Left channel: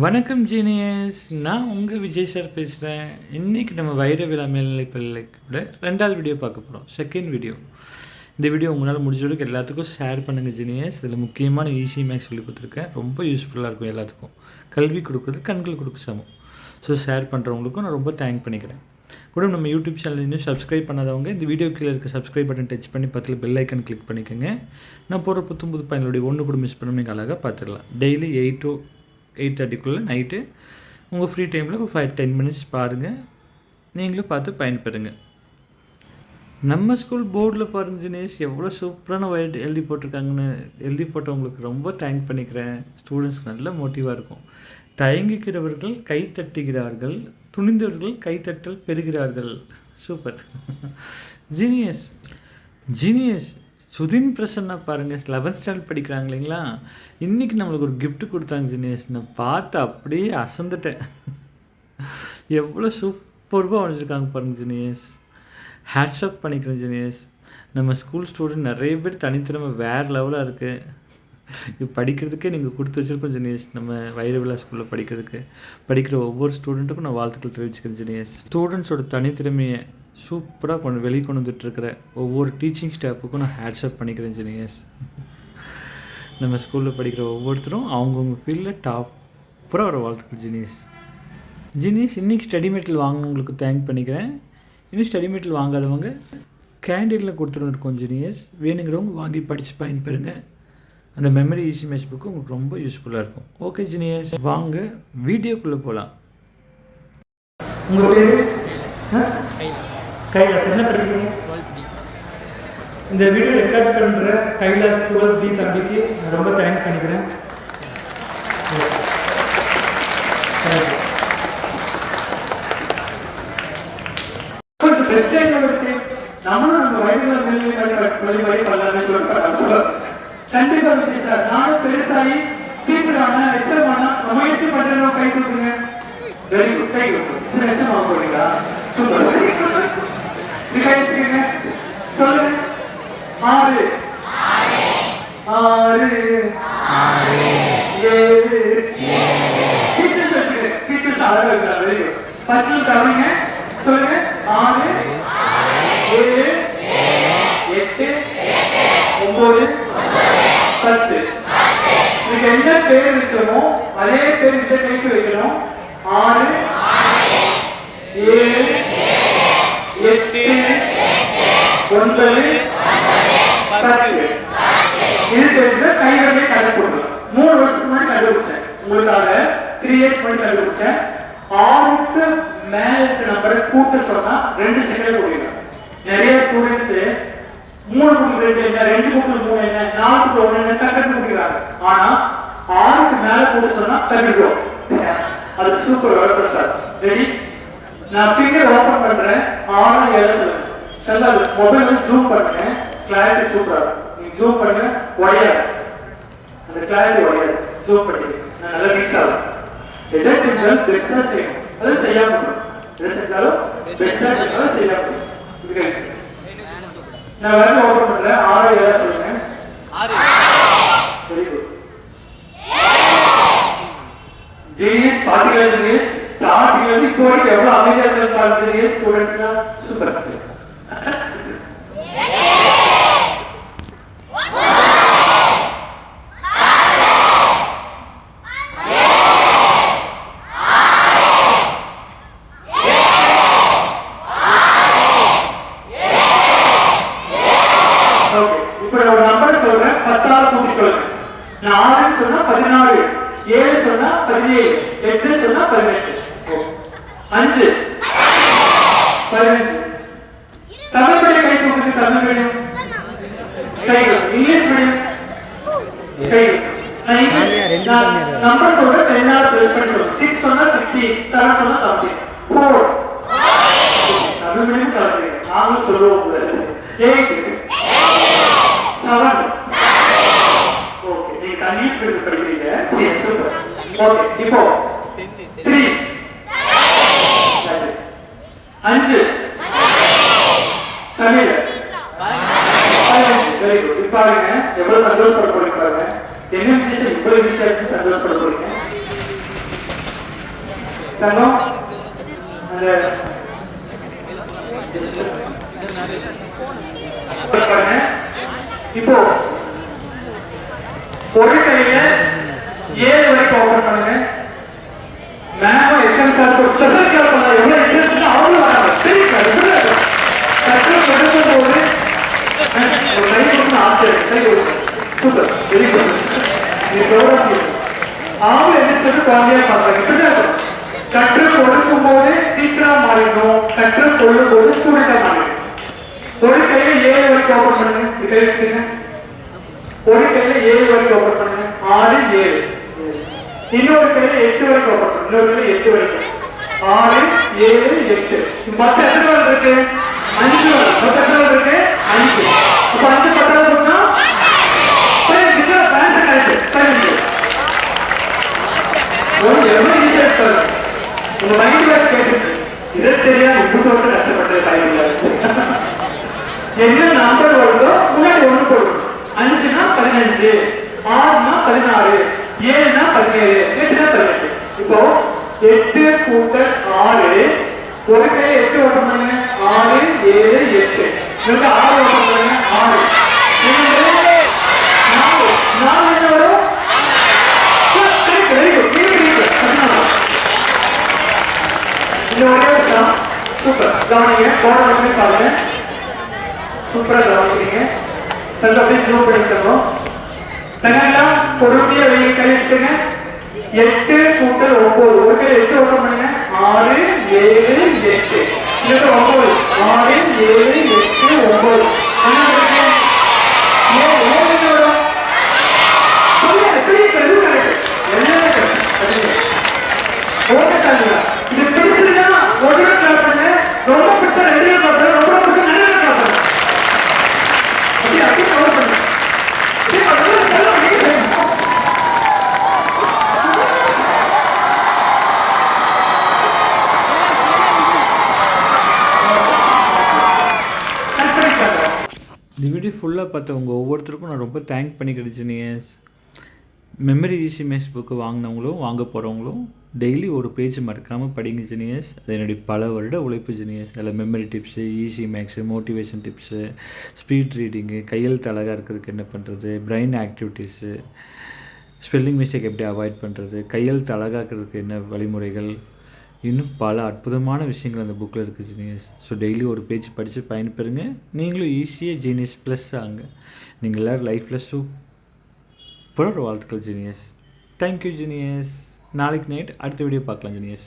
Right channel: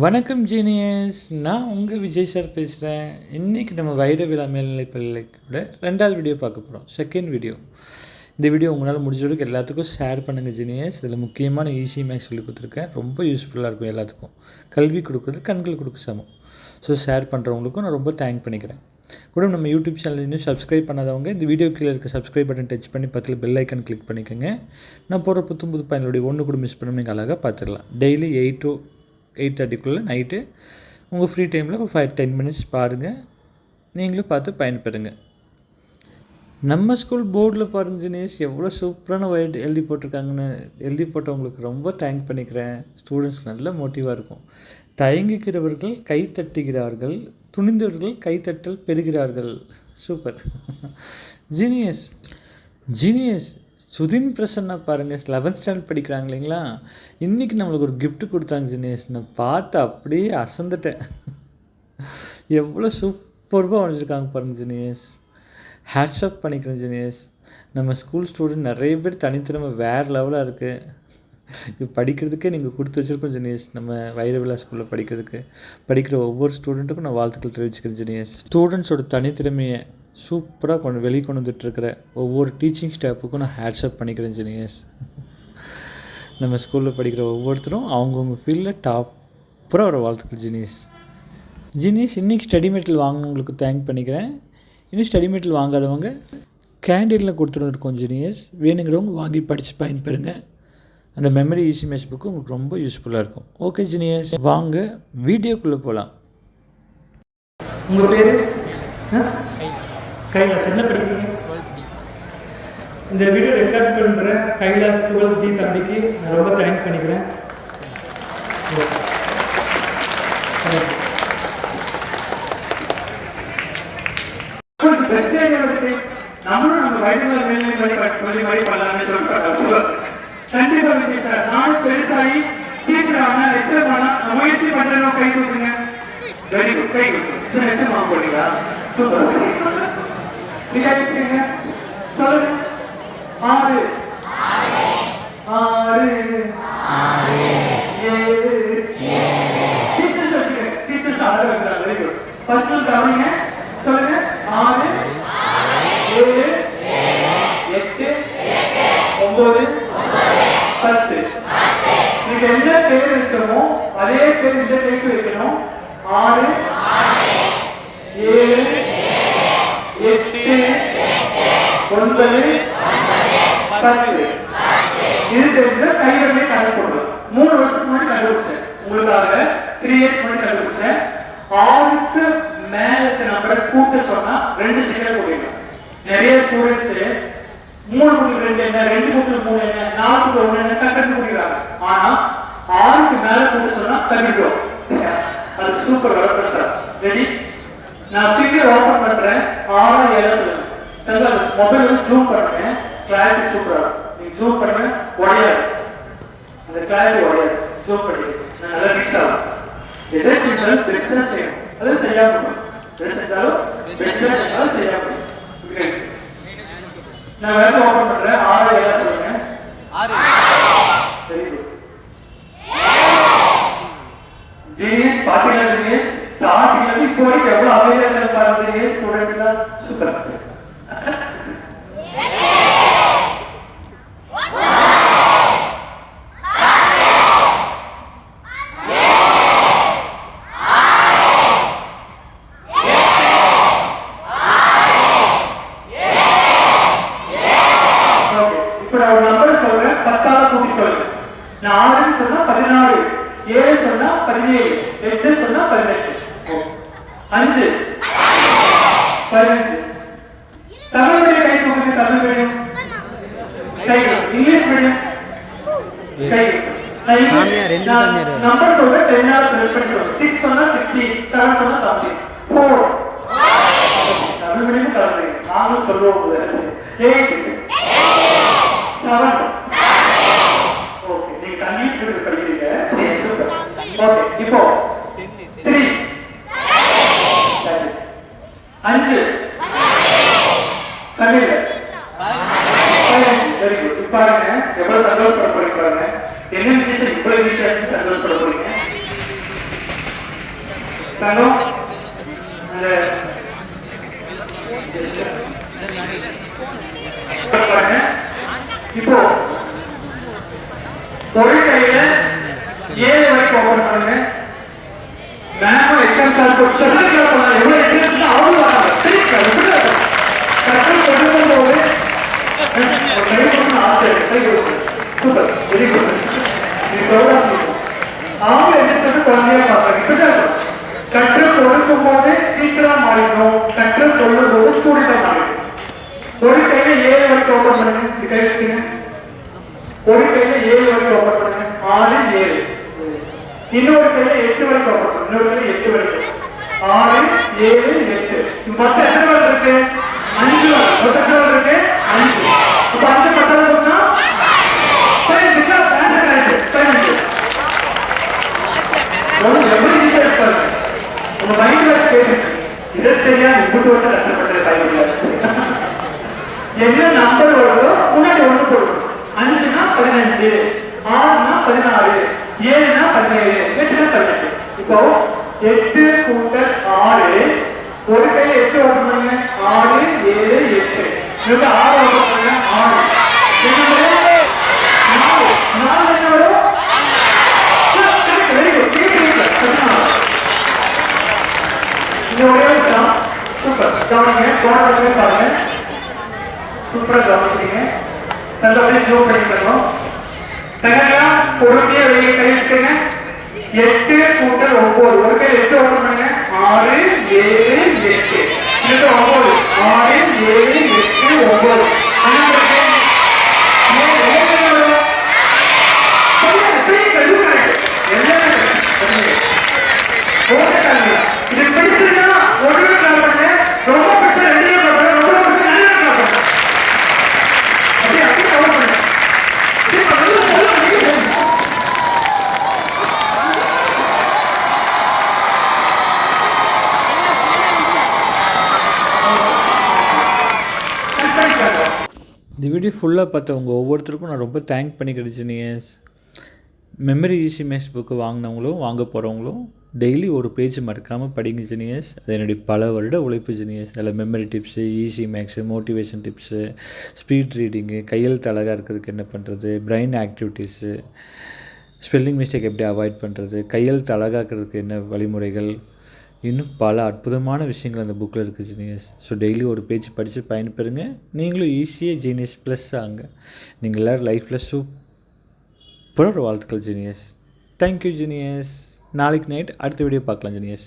வணக்கம் ஜீனியஸ் நான் உங்கள் விஜய் சார் பேசுகிறேன் இன்றைக்கி நம்ம வைர விழா மேல்நிலை பள்ளிக்கூட ரெண்டாவது வீடியோ பார்க்க போகிறோம் செகண்ட் வீடியோ இந்த வீடியோ உங்களால் முடிஞ்ச வரைக்கும் எல்லாத்துக்கும் ஷேர் பண்ணுங்கள் ஜீனியஸ் இதில் முக்கியமான ஈஸி மேக்ஸ் சொல்லி கொடுத்துருக்கேன். ரொம்ப யூஸ்ஃபுல்லாக இருக்கும் எல்லாத்துக்கும். கல்வி கொடுக்குறது கண்கள் கொடுக்க சமம். ஸோ ஷேர் பண்ணுறவங்களுக்கும் நான் ரொம்ப தேங்க் பண்ணிக்கிறேன். கூட நம்ம யூடியூப் சேனல் இன்னும் சப்ஸ்கிரைப் பண்ணாதவங்க இந்த வீடியோ கீழே இருக்க சப்ஸ்கிரைப் பட்டன் டச் பண்ணி பக்கத்தில் பெல் ஐக்கன் கிளிக் பண்ணிக்கோங்க. நான் போகிற புத்தம் புது பயனுடைய ஒன்று கூட மிஸ் பண்ணணும் நீங்கள் அழகாக பார்த்துடலாம். டெய்லி எயிட் டு எயிட் தேர்ட்டிக்குள்ளே நைட்டு. உங்கள் ஃப்ரீ டைமில் ஒரு ஃபைவ் டென் மினிட்ஸ் பாருங்கள் நீங்களும் பார்த்து பயன்பெறுங்க. நம்ம ஸ்கூல் போர்டில் பாருங்க தினேஷ். எவ்வளோ சூப்பரான வைட் எழுதி போட்டிருக்காங்கன்னு. எழுதி போட்டவங்களுக்கு ரொம்ப தேங்க் பண்ணிக்கிறேன். ஸ்டூடெண்ட்ஸ்க்கு நல்ல மோட்டிவாக இருக்கும். தயங்குகிறவர்கள் கை தட்டுகிறார்கள். துணிந்தவர்கள் கைத்தட்டல் பெறுகிறார்கள். Super genius genius Sudhin Prasanna பாருங்கள் லெவன்த் ஸ்டாண்டர்ட் படிக்கிறாங்க இல்லைங்களா? இன்றைக்கி நம்மளுக்கு ஒரு கிஃப்ட் கொடுத்தாங்க ஜீனியஸ் நான் பார்த்து அப்படியே அசந்துட்டேன். எவ்வளோ சூப்பர்வாக வரைஞ்சிருக்காங்க பாருங்க ஜீனியஸ் ஹேட்ஸ்அப் பண்ணிக்கிறேன் ஜீனியஸ் நம்ம ஸ்கூல் ஸ்டூடெண்ட் நிறைய பேர் தனித்திறமை வேறு லெவலாக இருக்குது இது படிக்கிறதுக்கே நீங்கள் கொடுத்து வச்சுருக்கோம் ஜெனியஸ் நம்ம வைரவிழா ஸ்கூலில் படிக்கிறதுக்கு. படிக்கிற ஒவ்வொரு ஸ்டூடெண்ட்டுக்கும் நான் வாழ்த்துக்கள் தெரிவிச்சுக்கிறேன் ஜெனியஸ் ஸ்டூடெண்ட்ஸோட தனித்திறமையை சூப்பராக கொண்டு வெளியே கொண்டு வந்துட்டுருக்கிற ஒவ்வொரு டீச்சிங் ஸ்டாஃபுக்கும் நான் ஹேட்ஸ்அப் பண்ணிக்கிறேன் ஜெனியஸ் நம்ம ஸ்கூலில் படிக்கிற ஒவ்வொருத்தரும் அவங்கவுங்க ஃபீல்டில் டாப்பராக ஒரு வாழ்த்துக்கள் ஜீனியஸ் ஜீனியஸ் இன்றைக்கி ஸ்டடி மெட்டீரியல் வாங்கினவங்களுக்கு தேங்க் பண்ணிக்கிறேன். இன்னும் ஸ்டடி மெட்டீரியல் வாங்காதவங்க கேண்டீனில் கொடுத்துருக்கோம் ஜீனியஸ் வேணுங்கிறவங்க வாங்கி படித்து பயன்பெறுங்க. அந்த மெமரி ஈஸி மேட்ச் புக்கு உங்களுக்கு ரொம்ப யூஸ்ஃபுல்லாக இருக்கும். ஓகே ஜீனியஸ் வாங்க வீடியோக்குள்ளே போகலாம் உங்கள் பேர்? கைலாஸ். என்ன படிக்கிறீங்க இந்த வீடியோ ரெக்கார்ட் பண்ணுற கைலாஸ் துவல் டி தம்பிக்கு நான் ரொம்ப தேங்க் பண்ணிக்கிறேன். நம்மளும் நம்ம வயதுல மேல்நிலை வழி பண்ணலாம்னு கண்டிப்பா விஜய் சார் நானும் பெருசாகி டீச்சர் ஆனா எக்ஸாம் ஆனா முயற்சி பண்றவங்க கை கொடுத்துங்க வெரி குட் கை எக்ஸாம் போறீங்களா சூப்பர் என்ன பேர் வச்சிருக்கோம் அதே பேர் இந்த கைக்கு வைக்கணும் ஆறு ஏழு எட்டு ஒன்பது பத்து இது தெரிஞ்ச கைவழியை கண்டுபிடிக்கணும். மூணு வருஷத்துக்கு முன்னாடி கண்டுபிடிச்சேன் உங்களுக்காக த்ரீ இயர்ஸ் முன்னாடி கண்டுபிடிச்சேன் ஆறுக்கு மேல இருக்க நம்பரை கூட்ட சொன்னா ரெண்டு செகண்ட் போயிடும் நிறைய ஸ்டூடெண்ட்ஸ் மூணு புக்கு ரெண்டு என்ன? ரெண்டு புக்கு மூணு என்ன? நாலு புக்கு ஒன்று என்ன? கண்டு முடிக்கிறாங்க ஆனா ஆறுக்கு மேல கூட்ட சொன்னா கண்டுடுவோம் அது சூப்பர் வளர்ப்பு சார். ரெடி நான் ஃபிங்கர் ஓப்பன் பண்றேன். ஆறு ஏழு சொல்லுங்க சார் மொபைல் வந்து ஜூம் பண்ணுங்க. கிளாரிட்டி சூப்பரா இருக்கும். நீங்க ஜூம் பண்ணுங்க உடையாது அந்த கிளாரிட்டி உடையாது ஜூம் பண்ணி நான் நல்லா மிக்ஸ் ஆகும் எதை செஞ்சாலும் பெஸ்டா செய்யணும். அதை செய்யாம இருக்கணும். எதை செஞ்சாலும் பெஸ்டா செஞ்சாலும் செய்யாம இருக்கணும். இது இருக்கு. நான் வேற ஓபன் பண்றேன். ஆறு ஏழு சொல்லுங்க. Very good genius particle genius particle இப்போ வரைக்கும் எவ்வளவு அமைதியா இருந்திருப்பாங்க ஜீனியஸ் ஸ்டூடெண்ட்ஸ்லாம் சூப்பர் ஏழு சொன்னா பதினேழு எட்டு சொன்னா பதினெட்டு. அஞ்சு. பதினஞ்சு தமிழ் மீடியம் கை கொடுங்க தமிழ் மீடியம் இங்கிலீஷ் மீடியம். கை சாமியார், ரெண்டு சாமியார். நம்பர் சொல்றேன் ரெண்டாவது ப்ளஸ் பண்ணி சொல்லுங்க சிக்ஸ் சொன்னா சிக்ஸ்டி செவன் சொன்னா செவன்டி ஃபோர் தமிழ் மீடியம் கலந்துங்க நாங்களும் சொல்லுவோம் எயிட் செவன் ஓகே நீங்க தண்ணி ஸ்பீடு படிக்கிறீங்க. சரி சூப்பர் ஓகே இப்போ த்ரீ அஞ்சு. தமிழ் பதினஞ்சு வெரி குட் பாருங்க எவ்வளவு சந்தோஷப்பட போறீங்க பாருங்க. என்ன விஷயம் இவ்வளவு விஷயம் சந்தோஷப்பட போறீங்க தங்கம் அந்த பாருங்க. இப்போ ஒரு கையில ஏழு வரைக்கும் ஓபன் பண்ணுங்க மேம் எக்ஸாம் சாப்பிட்டு ஸ்பெஷல் கிளாஸ் எவ்வளவு சரி போது கற்று கொடுக்கும் போது டீச்சரா மாறிடணும் கற்று சொல்லும் போது ஸ்டூடெண்டா மாறிடணும் ஒரு கையில ஏழு வரைக்கும் ஓபன் பண்ணுங்க இது கை வச்சுங்க ஒரு கையில ஏழு வரைக்கும் ஓபன் பண்ணுங்க ஆறு ஏழு இன்னொரு கையில எட்டு. வரைக்கும் ஓபன் பண்ணுங்க இன்னொரு கையில எட்டு வரைக்கும் ஆறு ஏழு எட்டு மொத்த எத்தனை பேர் இருக்கு அஞ்சு வரும். மொத்த இருக்கு அஞ்சு இப்ப அஞ்சு பத்தாவது சொன்னா ஒரு எவ்வளவு ஈஸியா உங்க மைண்ட்ல பேசுச்சு இதை தெரியாம இப்படி வந்து கஷ்டப்பட்டு தாய்மையில என்ன நம்பர் வருதோ முன்னாடி ஒன்று அஞ்சுனா பதினஞ்சு ஆறுனா பதினாறு ஏழுனா பதினேழு எட்டுனா பதினெட்டு இப்போ எட்டு கூட்டல் ஆறு ஒரு கை எட்டு வரணும் ஆறு ஏழு எட்டு. இதுல ஆறு. ஓப்பன் ஆறு சூப்பர். கவனிங்க. கவனம் பாருங்க. சூப்பரா கவனிக்கிறீங்க. ஜூம் பண்ணிக்கணும் பொறுமையா வெளியே எட்டு கூட்டல் ஒன்பது. ஒரு கை எட்டு ஓப்பன் ஆறு ஏழு இது ஒன்பது ஆறு ஏழு எட்டு ஒன்பது அண்ணா இருக்கு. ஏழு, ஏழு எவ்வளவு? சொல்லுங்க, பெரிய கல்வி கிடையாது. எல்லாமே கிடையாது. போட்டுட்டாங்க. இது பிடிச்சிருந்தா உடனே கிளம்ப பண்ணுங்க. ரொம்ப பிடிச்சா வெளியே கிளம்ப பண்ணுங்க. ரொம்ப பிடிச்சா வெளியே கிளம்ப பண்ணுங்க. அப்படியே அப்படியே கிளம்ப பண்ணுங்க. அப்படியே பண்ணுங்க. அப்படியே பண்ணுங்க. கரெக்டா இருக்காங்க. இந்த வீடியோ ஃபுல்லாக பார்த்தவங்க ஒவ்வொருத்தருக்கும் நான் ரொம்ப தேங்க் பண்ணிக்கிறேன் genius memory easy maths book வாங்கினவங்களும் வாங்க போகிறவங்களும் டெய்லி ஒரு பேஜ் மறக்காமல் படிங்க ஜீனியஸ். அது என்னுடைய பல வருட உழைப்பு ஜீனியஸ். அதில் memory tips easy maths motivation tips speed reading கையெழுத்து அழகாக இருக்கிறதுக்கு என்ன பண்ணுறது பிரெயின் ஆக்டிவிட்டீஸு ஸ்பெல்லிங் மிஸ்டேக் எப்படி அவாய்ட் பண்ணுறது கையெழுத்து அழகாக்கிறதுக்கு என்ன வழிமுறைகள்? இன்னும் பல அற்புதமான விஷயங்கள் அந்த புக்கில் இருக்குது ஜீனியஸ். ஸோ டெய்லி ஒரு பேஜ் படித்து பயன்பெறுங்க. நீங்களும் ஈஸியாக ஜீனியஸ் ப்ளஸ் ஆங்க. நீங்கள் எல்லோரும் லைஃப்பில் சூப்பராக ஒரு வாழ்த்துக்கள் ஜீனியஸ். Thank you genius. நாளைக்கு நைட் அடுத்த வீடியோ பார்க்கலாம் ஜீனியஸ்.